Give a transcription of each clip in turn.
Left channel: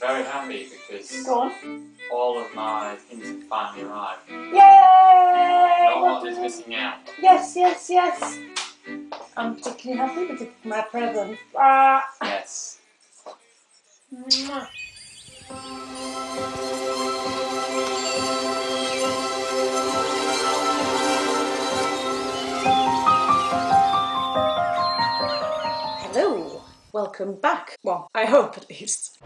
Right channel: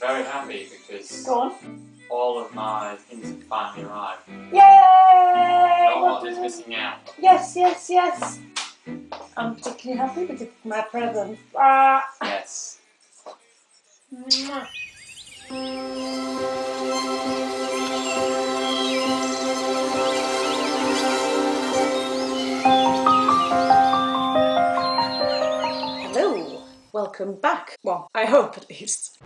Very happy because Go on. all of my things have finally arrived. Yay! No one is missing out. Yes, yes, yes. I'm particularly happy with my present. Ah. Yes. Mwah. Hello, welcome back. Well, I hope at least.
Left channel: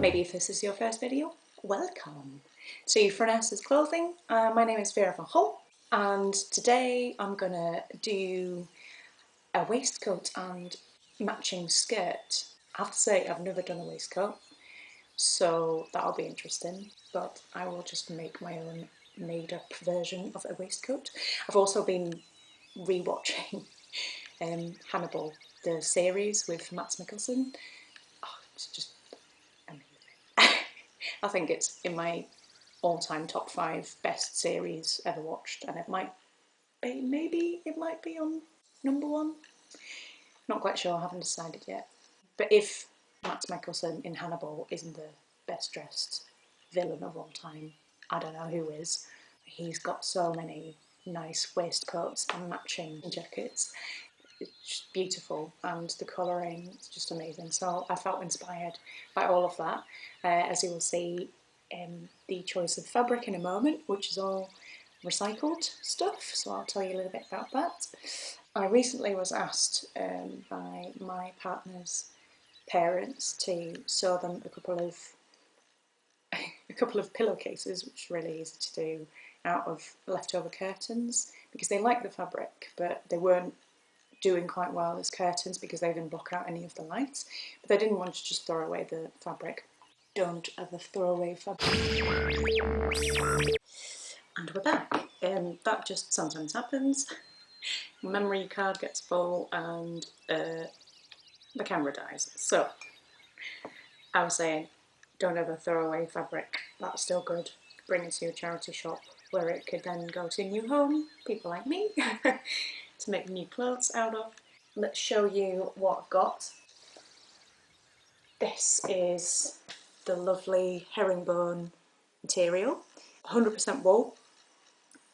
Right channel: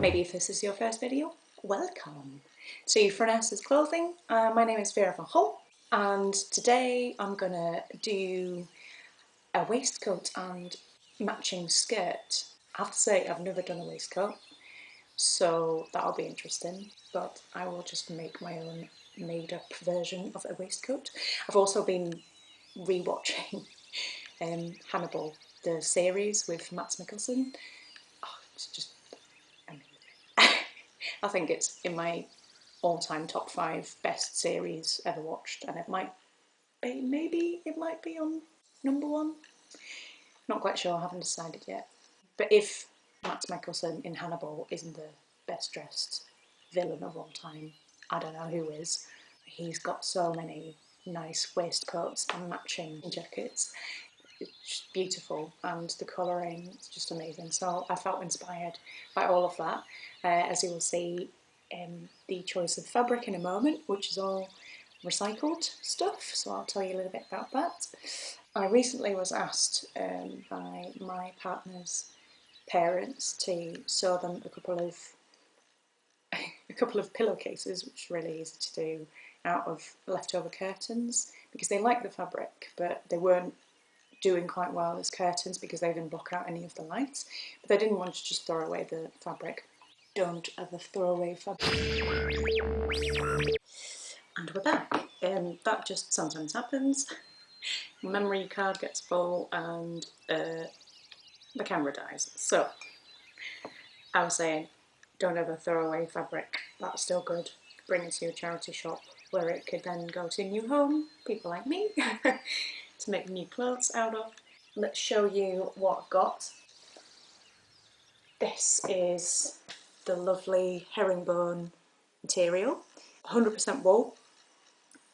Maybe if this is your first video, welcome to Phronesis clothing. My name is Vera van Hol, and today I'm gonna do a waistcoat and matching skirt. I have to say I've never done a waistcoat, so that'll be interesting, but I will just make my own made up version of a waistcoat. I've also been rewatching Hannibal, the series with Matt Mikkelsen. Oh, it's just amazing. I think it's in my all-time top 5 best series ever watched, and it might be, maybe it might be on number 1. Not quite sure, I haven't decided yet. But if Matt Mikkelsen in Hannibal isn't the best dressed villain of all time, I don't know who is. He's got so many nice waistcoats and matching jackets. It's just beautiful, and the colouring is just amazing. So I felt inspired by all of that. As you will see the choice of fabric in a moment, which is all recycled stuff, so I'll tell you a little bit about that. I recently was asked by my partner's parents to sew them a couple of pillowcases, which is really easy to do, out of leftover curtains, because they like the fabric, but they weren't doing quite well as curtains because they didn't block out any of the light. But they didn't want to just throw away the fabric. Don't ever throw away fabric. And we're back. That just sometimes happens. Memory card gets full and the camera dies. So I was saying, don't ever throw away fabric. That's still good. Bring it to your charity shop where it could then go to a new home, people like me, to make new clothes out of. Let's show you what I've got. This is the lovely herringbone material, 100% wool,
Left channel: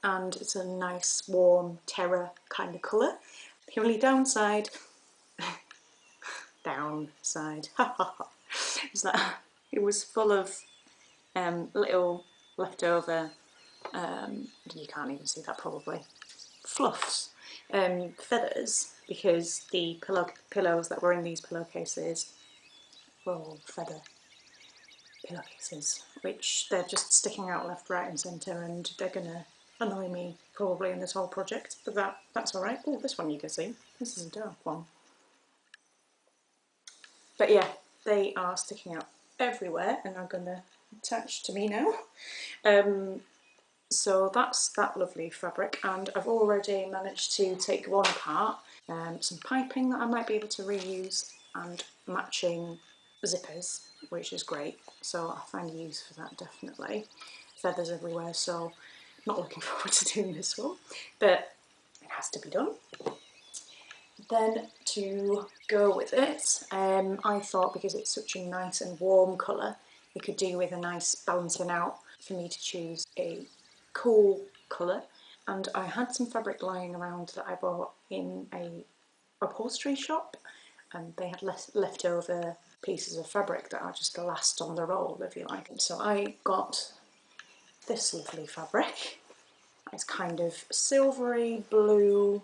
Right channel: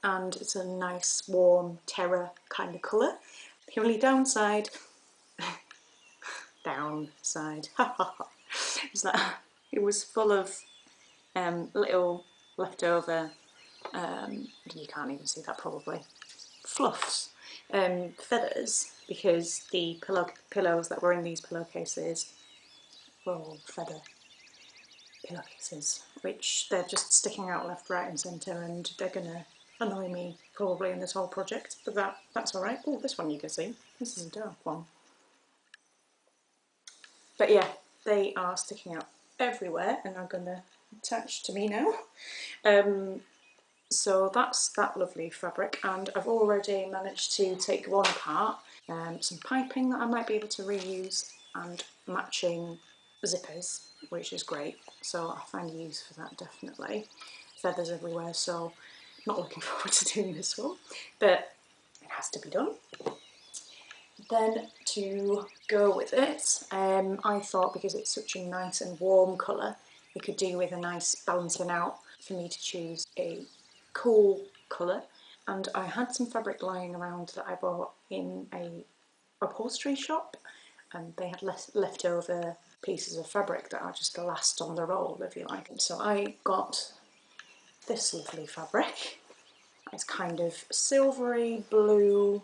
and it's a nice warm terror kind of colour. The only downside is that it was full of little leftover, you can't even see that probably, fluffs, feathers, because the pillows that were in these pillowcases were all feather pillowcases, which they're just sticking out left, right and centre, and they're gonna annoy me probably in this whole project, but that's alright. Oh, this one you can see, this is a dark one. But yeah, they are sticking out everywhere and are gonna attach to me now. So that's that lovely fabric, and I've already managed to take one apart, some piping that I might be able to reuse, and matching zippers, which is great, so I'll find use for that definitely. Feathers everywhere, so not looking forward to doing this one, but it has to be done. Then to go with it, I thought because it's such a nice and warm colour, it could do with a nice balancing out for me to choose a cool colour. And I had some fabric lying around that I bought in a upholstery shop, and they had leftover pieces of fabric that are just last on the roll, if you like. So I got this lovely fabric. It's kind of silvery blue,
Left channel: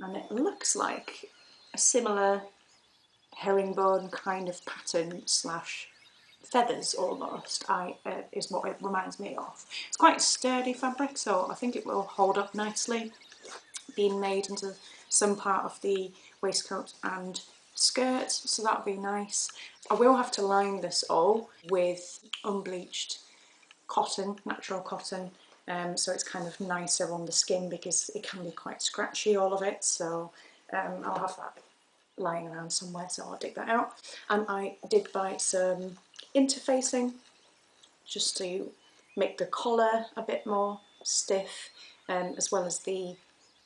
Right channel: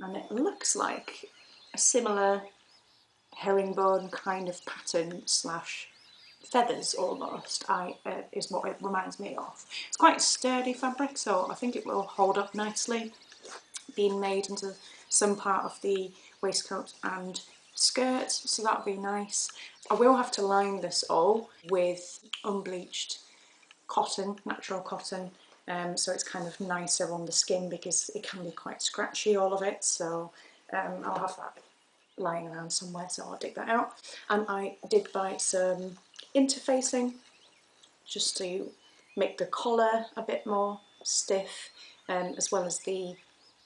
and it looks like a similar herringbone kind of pattern slash feathers almost, is what it reminds me of. It's quite sturdy fabric, so I think it will hold up nicely, being made into some part of the waistcoat and skirt, so that'll be nice. I will have to line this all with unbleached cotton, natural cotton, so it's kind of nicer on the skin because it can be quite scratchy, all of it, so I'll have that lying around somewhere, so I'll dig that out. And I did buy some interfacing just to make the collar a bit more stiff, as well as the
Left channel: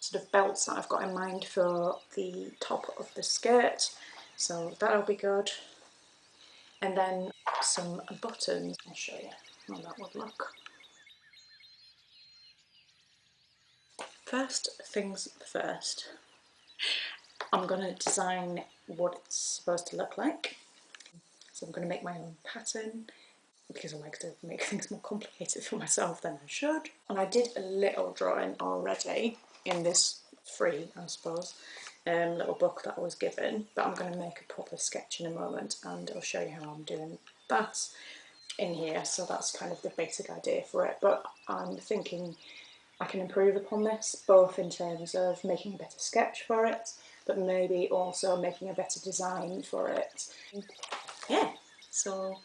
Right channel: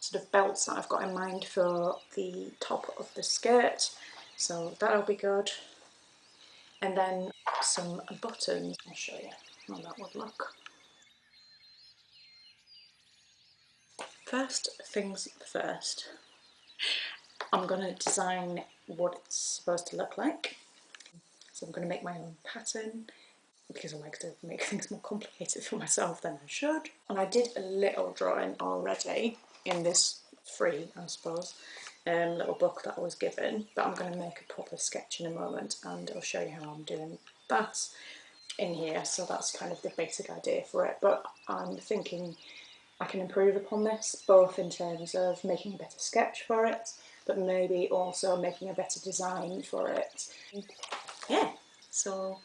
sort of belts that I've got in mind for the top of the skirt. So that'll be good. And then some buttons. I'll show you how that would look. First things first, I'm going to design what it's supposed to look like. So I'm going to make my own pattern because I like to make things more complicated for myself than I should. And I did a little drawing already in this free, I suppose, little book that I was given, but I'm going to make a proper sketch in a moment and I'll show you how I'm doing that in here. So that's kind of the basic idea for it, but I'm thinking I can improve upon this, both in terms of making a better sketch for it, but maybe also making a better design for it. Yeah, so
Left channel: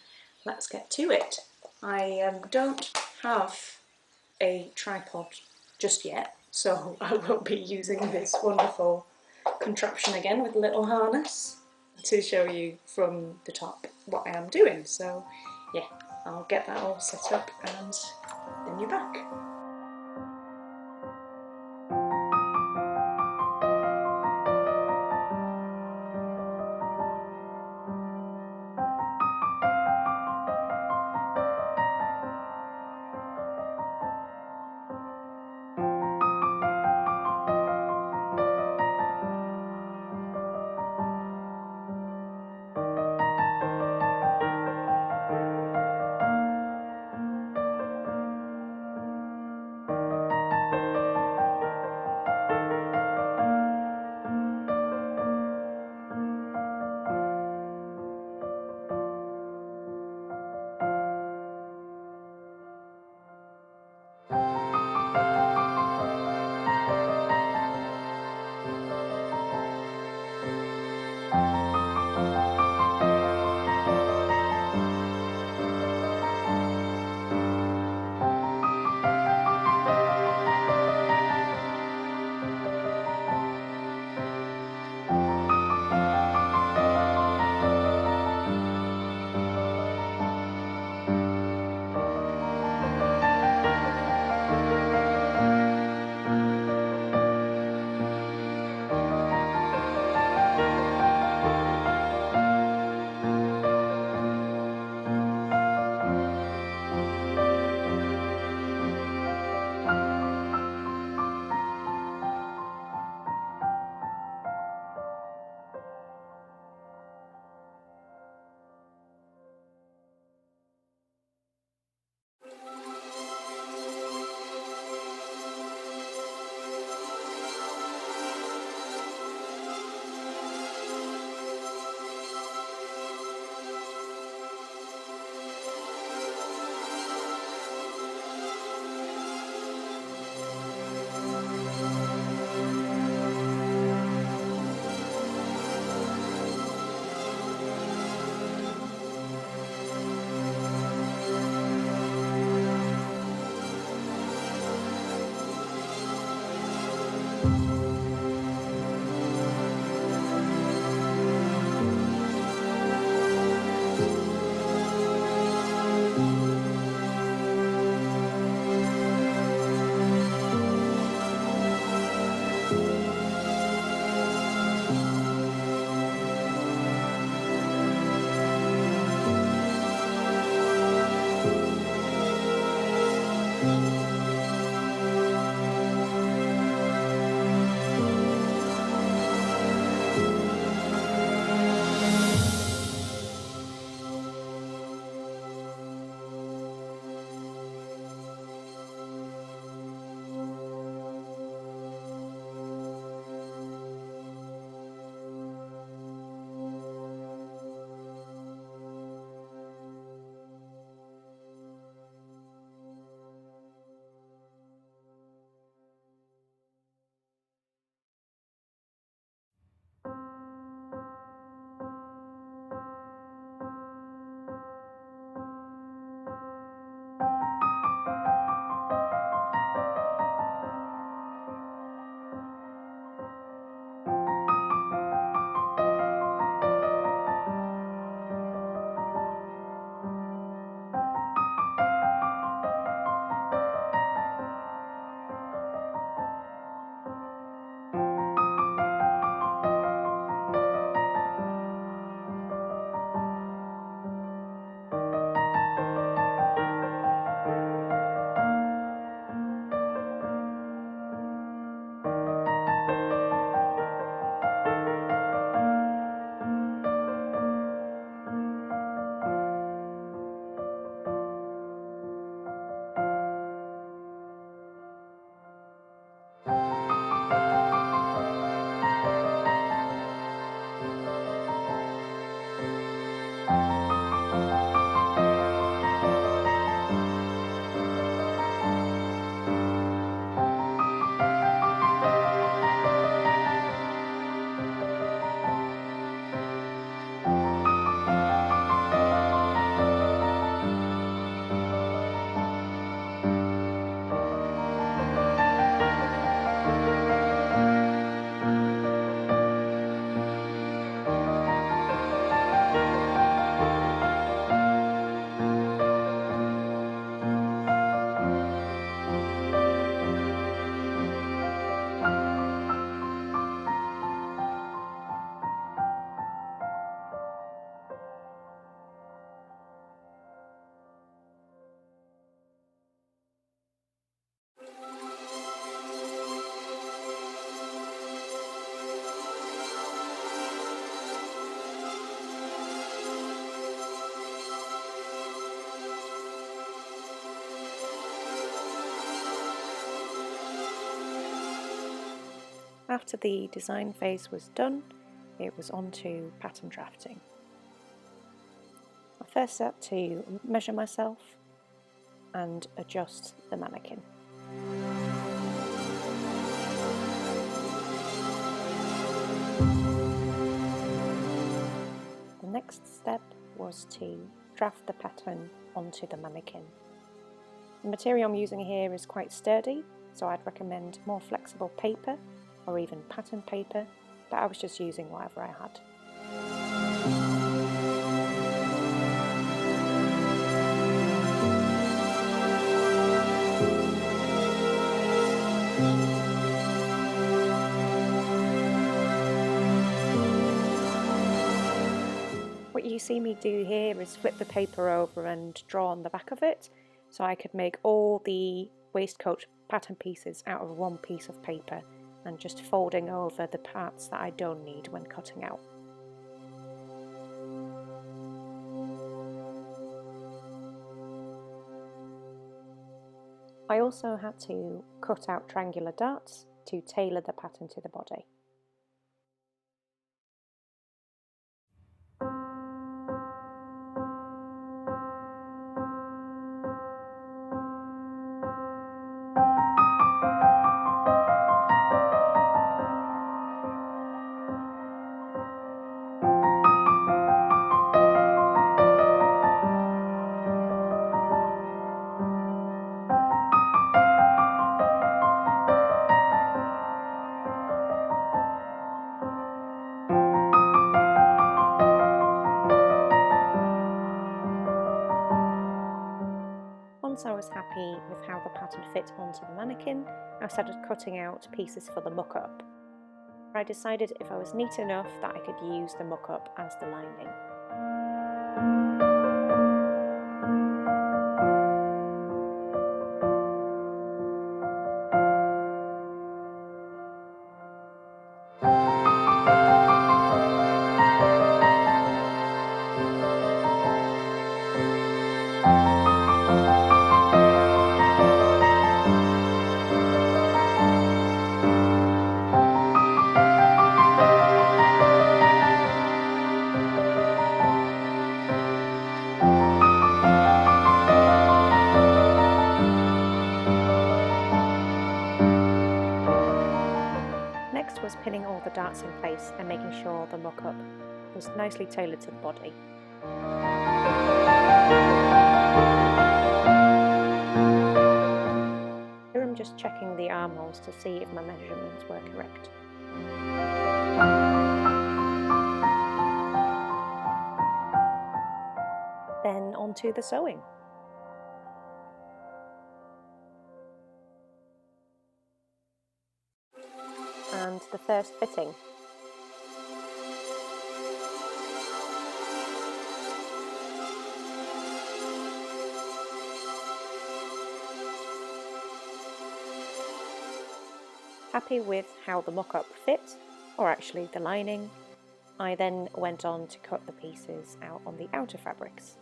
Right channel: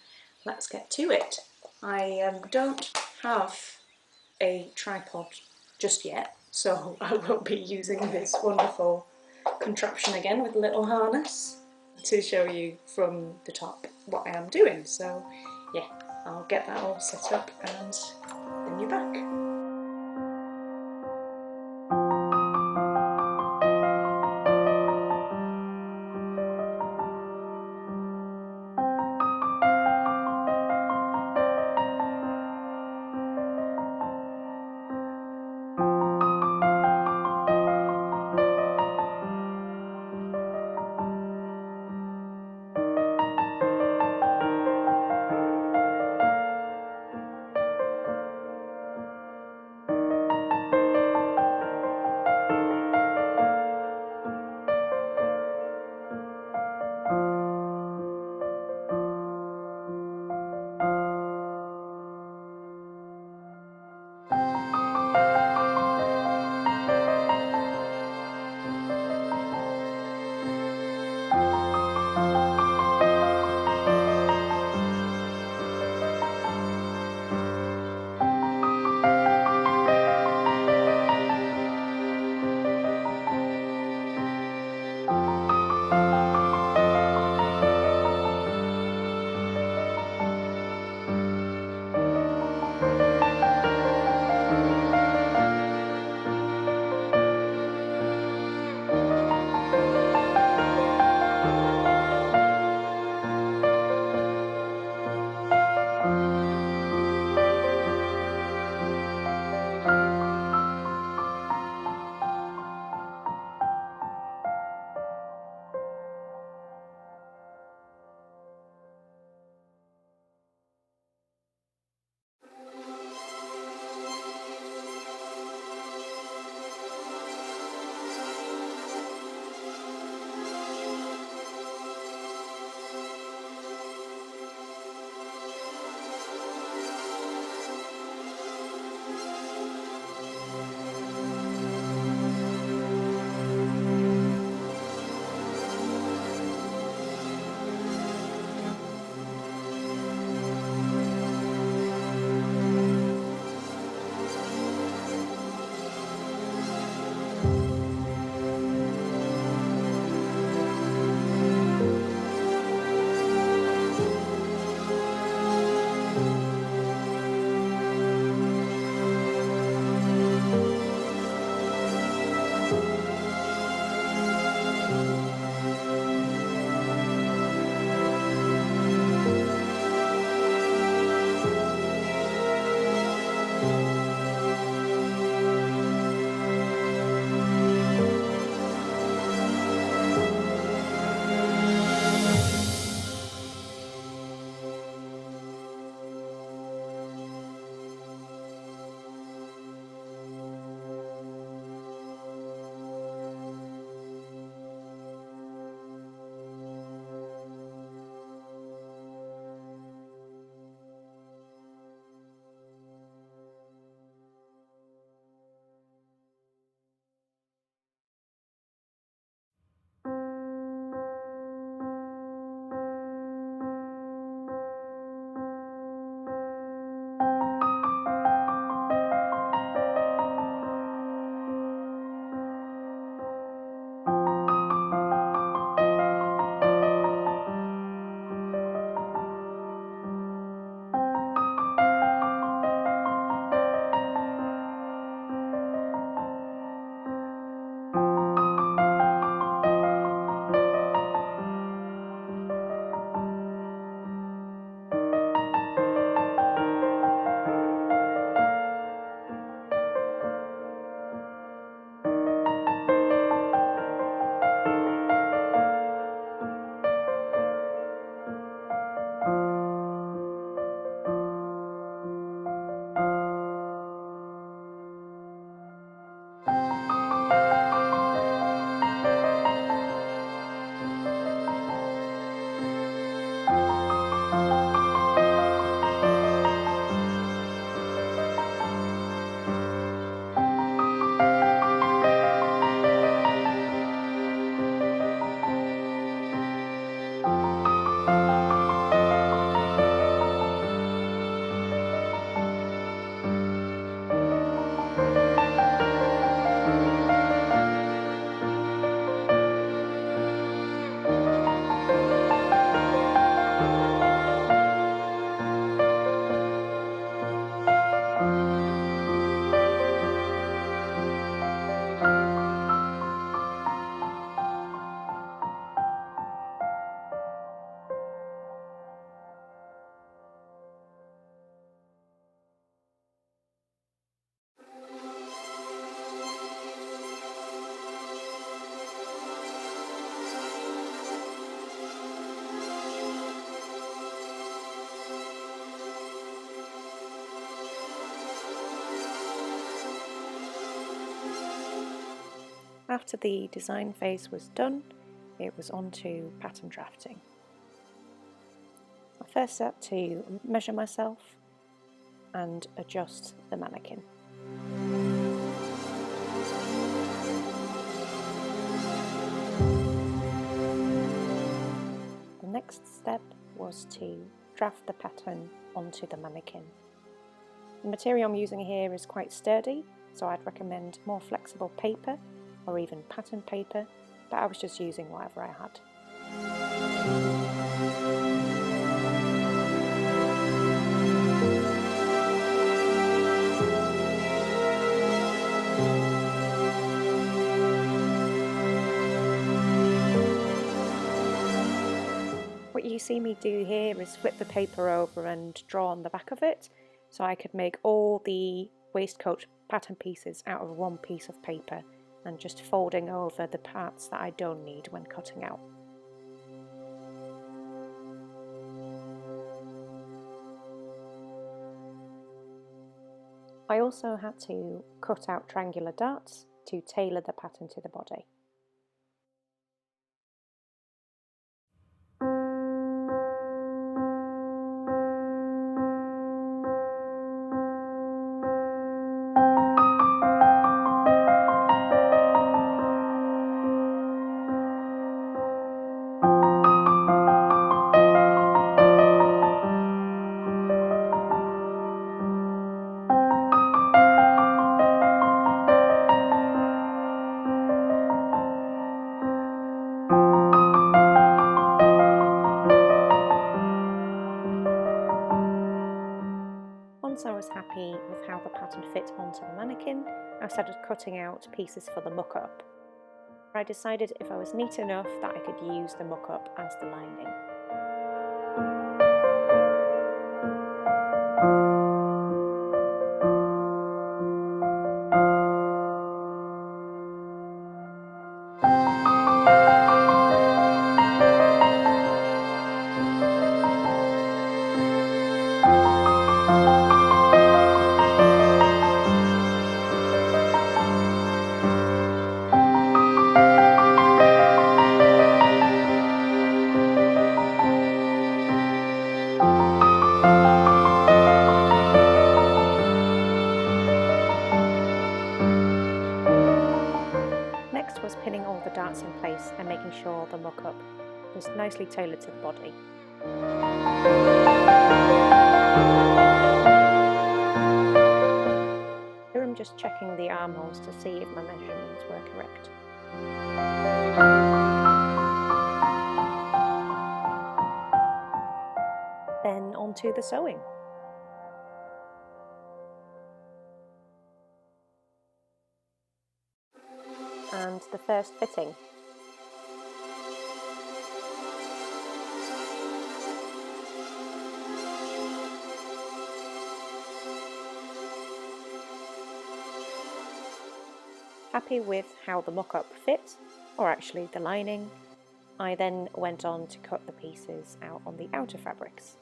let's get to it. I don't have a tripod just yet, so I will be using this wonderful contraption again with a little harness to show you from the top what I am doing. So yeah, I'll get that all set up and then you're back. After the design phase was done, it was on to pattern drafting. I first had to measure myself and adjust the mannequin. The next step was to draft the pattern onto the mannequin. The material I'm using here is quite sturdy, so I'd recommend more flexible paper or even pattern paper, but I was just using whatever I had. What you see me do here is flip the paper over and draw on the back of it, so I could make all the waistcoat pattern pieces out of one piece of paper and just folding over the parts that I don't need when cutting out. I also had to cut out triangular darts to tailor the pattern to the body. Once I was happy with how the pattern fit onto the mannequin, I started cutting out pieces for the muck-up. I decided if I was neat enough that I could use the muck-up as the lining. Next was pinning all the darts in place and making sure the muck-up was nicely tailored to the body. Here I'm just checking the armholes to see if my measurements were correct. Then on to the sewing. And the first fitting. Happy with how the mock-up fit, or actually the lining, I then went on to cut the pieces out on the outer fabrics.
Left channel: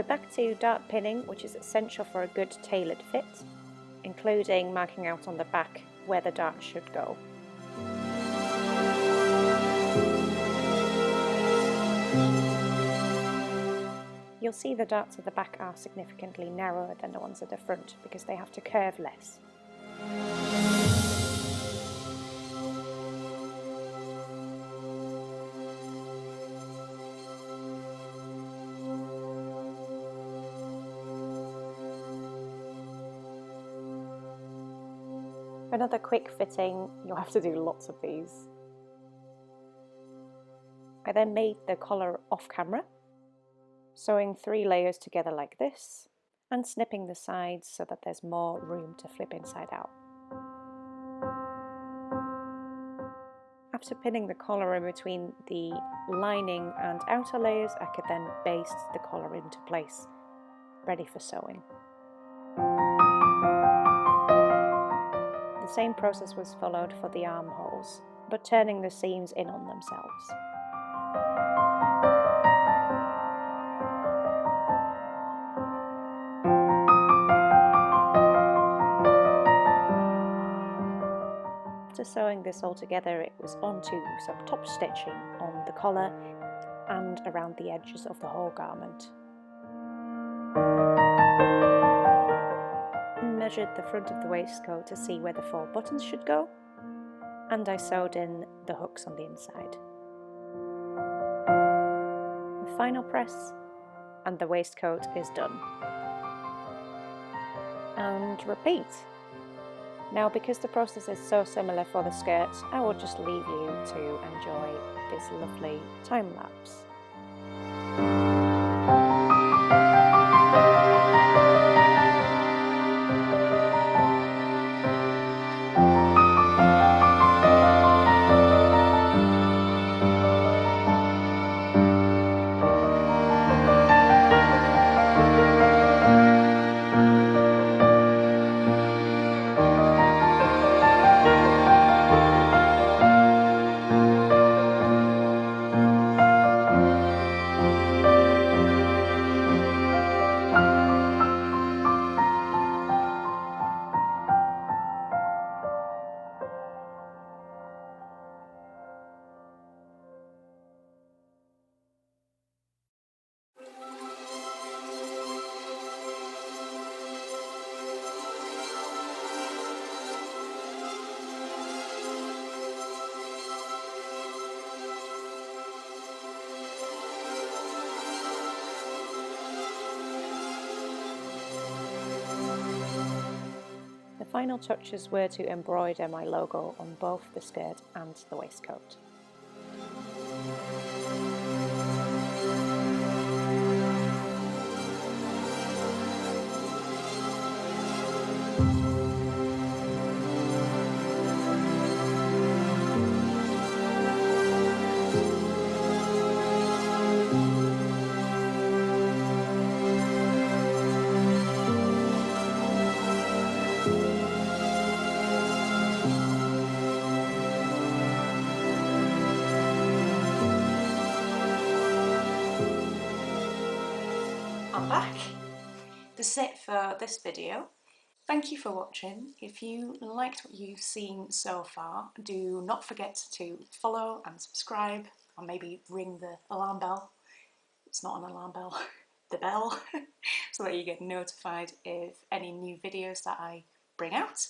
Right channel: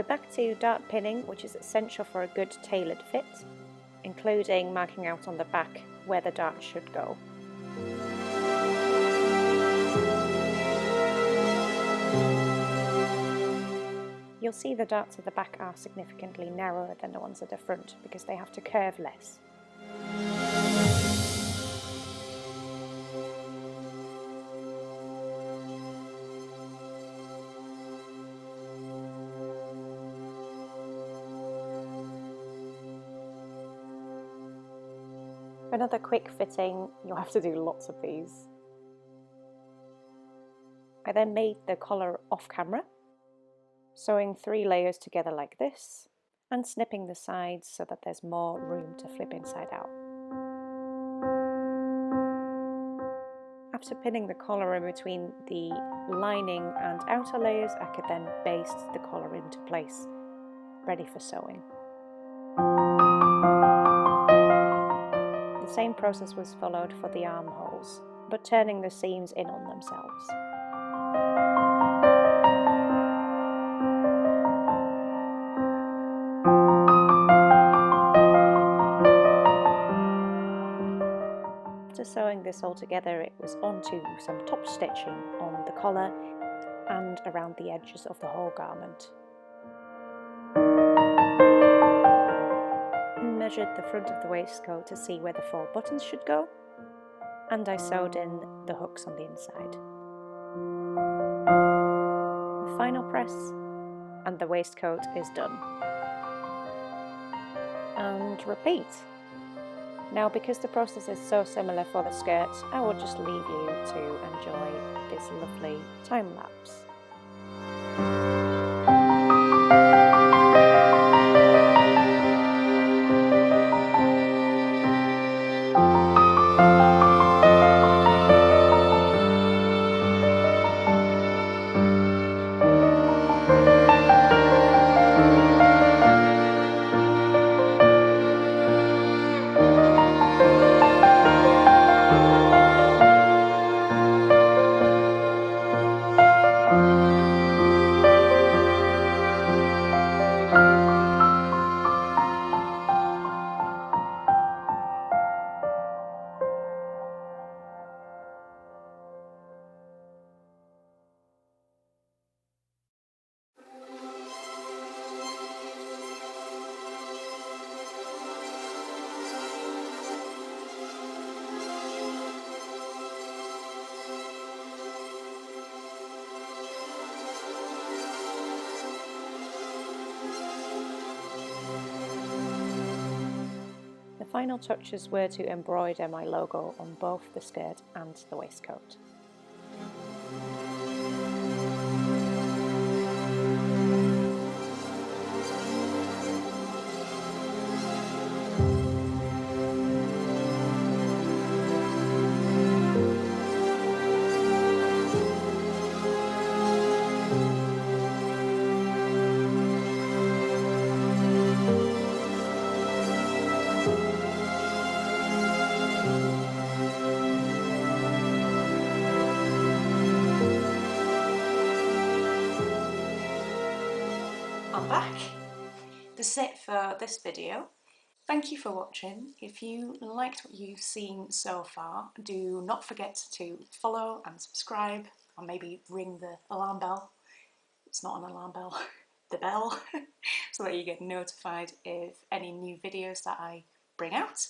We're back to dart pinning, which is essential for a good tailored fit, including marking out on the back where the dart should go. You'll see the darts at the back are significantly narrower than the ones at the front because they have to curve less. For another quick fitting, you'll have to do lots of these. I then made the collar off camera, sewing 3 layers together like this, and snipping the sides so that there's more room to flip inside out. After pinning the collar in between the lining and outer layers, I could then baste the collar into place, ready for sewing. The same process was followed for the armholes, but turning the seams in on themselves. After sewing this all together, it was onto some top stitching on the collar and around the edges of the whole garment. I measured the front of the waistcoat to see where the 4 buttons should go, and I sewed in the hooks on the inside. The final press, and the waistcoat is done. And repeat. Now, because the process is so similar for the skirt, I will just leave you to enjoy this lovely time lapse. The final touches were to embroider my logo on both the skirt and the waistcoat. I'm back. That's it for this video. Thank you for watching. If you liked what you've seen so far, do not forget to follow and subscribe, and maybe ring the alarm bell. It's not an alarm bell, the bell, so that you get notified of any new videos that I bring out.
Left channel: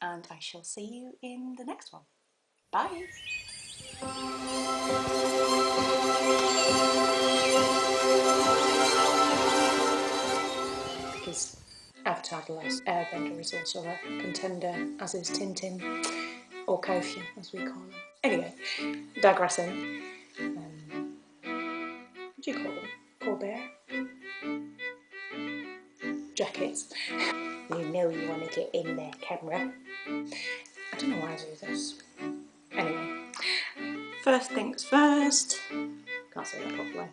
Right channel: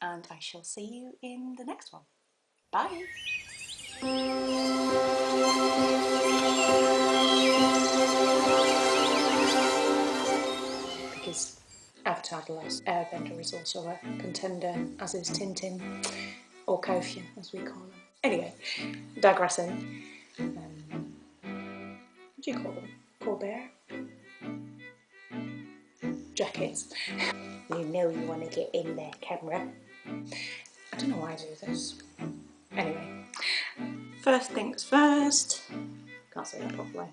And I shall see you in the next one. Bye! Because Avatar: The Last Airbender is also a contender, as is Tintin, or Kofian as we call them. Anyway, digressing. What do you call them? Colbert? Jackets. You know you want to get in there, camera. I don't know why I do this. Anyway, first things first. Can't say that properly.